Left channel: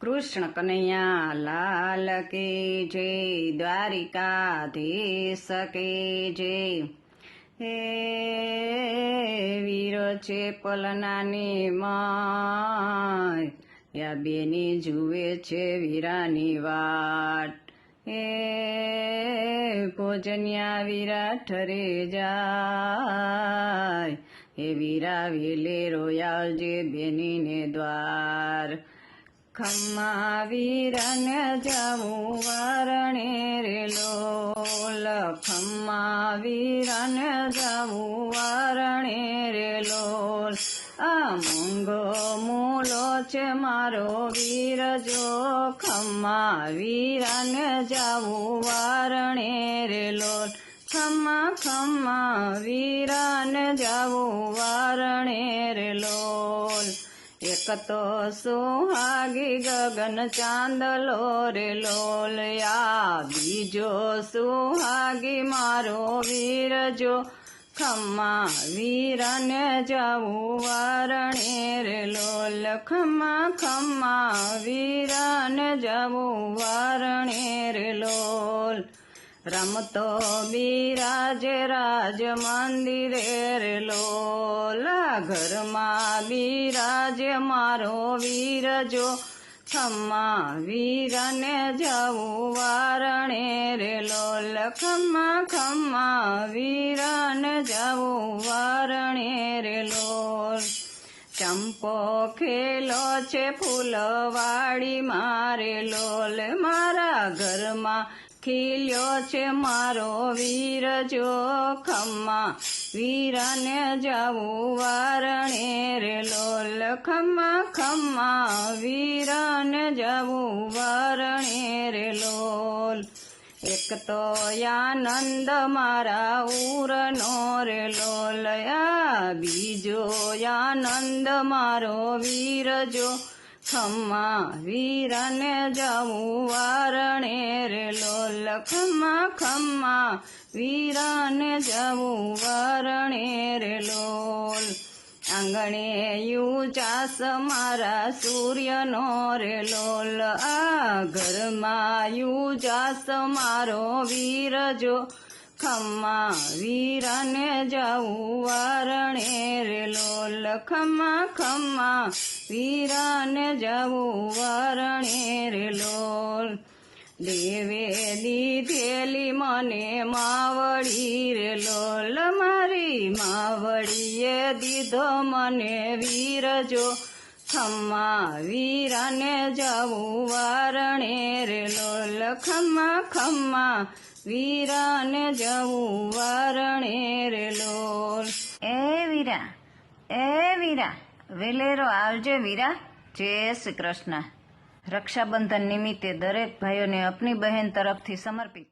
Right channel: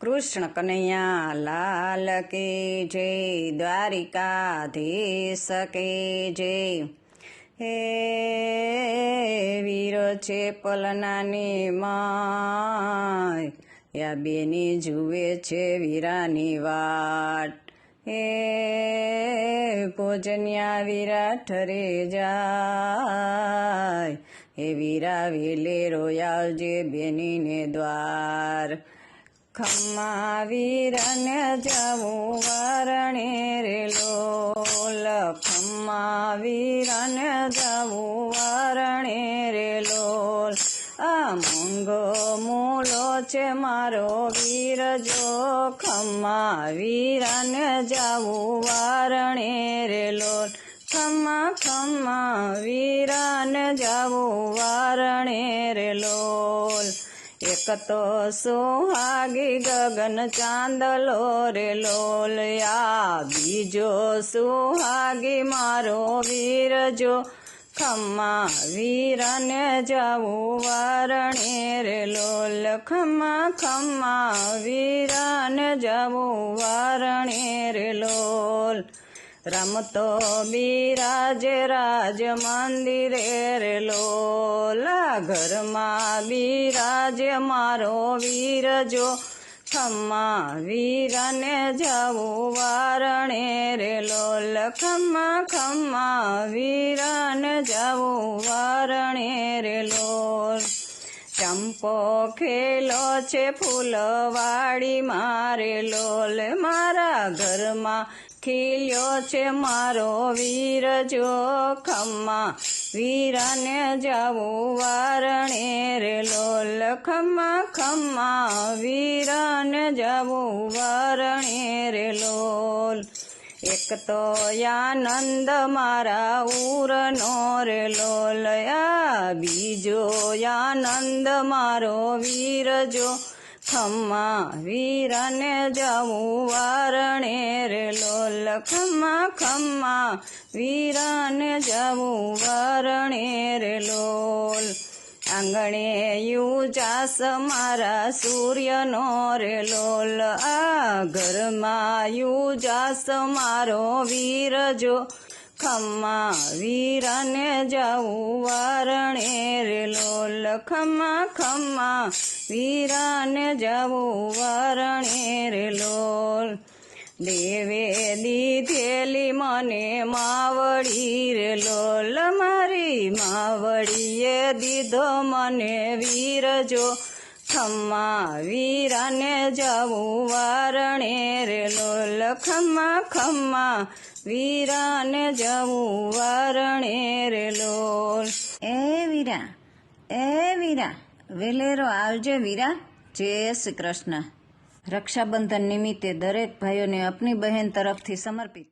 કૃષ્ણ કનૈયા લાલ કે જય દ્વારિકાધીશ કે જય હે વીરો છે પલનાની માય, યા બેની જુએ છે વીરાની વાટ. હે કોજન્યા વીરા ઠરે જાય, હે વીરા વેલે રોયા જે બેનીને દ્વાર. ખમ્મા વીરને જાવું વારણે રે લોલ ખમ્મા વીરને જાવું વારણે રે લોલ આ મૂંગો મૂલો છે મારો વીર જો ખમ્મા જાવું વારણે એક તો સુહાગી ગગન ચાંદલો રે લોલયા. બીજો સુહાગી મારો વીર જો. ખમ્મા વીરને જવું વારણે લોલ. ખમ્મા ખમ્મા વીરને જવું વારણે લોલ. રમતો બિરાજ રાજ મંદિરે રે લોલા ઘરમાં બિરાજ મારો વીર જો ખમ્મા વીરને જવું વારણે રે લોલ ખમ્મા ખમ્મા વીરને જવું વારણે રે લોલ. ચંપો ખેલો છે ફૂલવાડી મારે લોલ, મારા ઘરમાં ખીલ્યો છે મારો વીર જો ખમ્મા. વીરને જાવું વારણે રે લોલ ખમ્મા ખમ્મા. વીરને જાવું વારણે રે લોલ. એક તો આનંદ મારા ઉરનો રે લોલયા બીજો આનંદ મારો વીર જો ખમ્મા. વીરને જાવું વારણે રે લોલ ખમ્મા ખમ્મા વીરને જવું વરણે રે લોલ. આંગણે યુજાસ મારા સૂર્યનો રે લોલ. આ ઘરમાં યુજાસ મારો વીર જો. ખમ્મા વીરાને જવું વારણે રે લોલ. ખમ્મા ખમ્મા વીરાને જાવું વારણે રે લોલ. દેવે દીધો મને વીરજો. ખમ્મા વીરાને જવું વારણે રે લોલ. ખમ્મા વીરાને જવું વારણે રે લોલ. એ વીરા એ વીરા, વેલેરો આવજે વીરા. જય શ્રી કૃષ્ણ. રક્ષાબંધન નિમિત્તે દરેક ભાઈઓને અપની બહેન તરફથી સમર્પિત.